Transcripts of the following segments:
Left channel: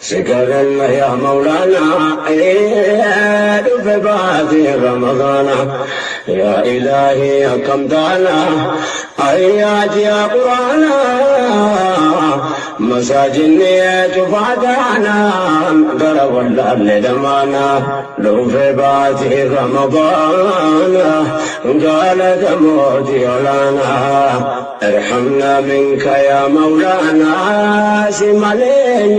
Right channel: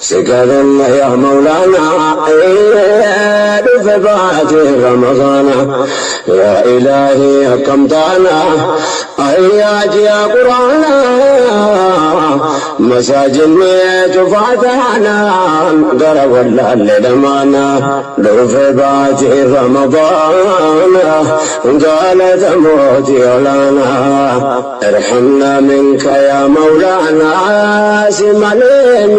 سكرنا يا مولانا بفبات رمضان يا إلهي أكمتنا آيات يا قرآن مساجد تفاتحنا درب الليل لمانا بفبات رمضان قال تموت لنا ارحمنا منك يا مولانا سملين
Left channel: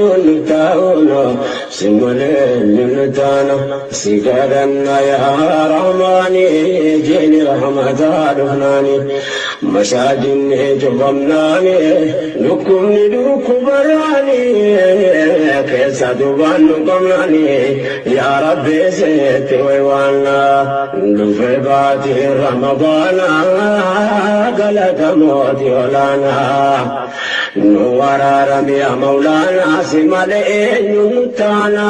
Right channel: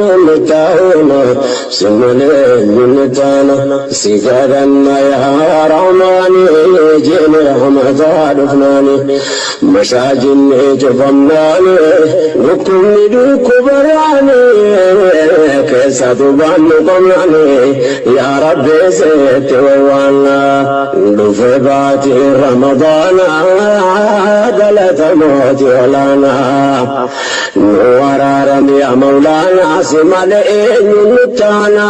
متانا سكرنا يا رحماني جينا رمضان فناني مساجد جفناني ركن كبراني كيسة بانكم يعني يا رب زيت وانا بفبات رمضان دلت موت لنا ورارم يا مولانا سمالين نتانا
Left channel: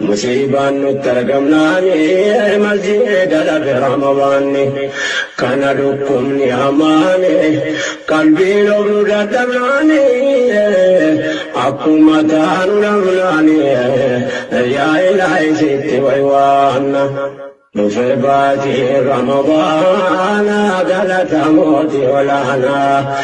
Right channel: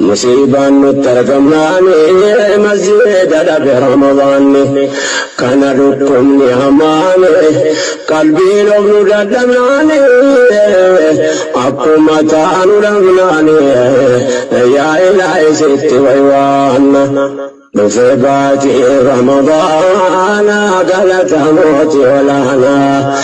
مصيبا نتركماني مسجد لك رمضان كان لكم نعماني قلبي لو قدماني حكومتان لغناني يا إلهي ست ويوانا بفبات رمضان دلت موت ولانا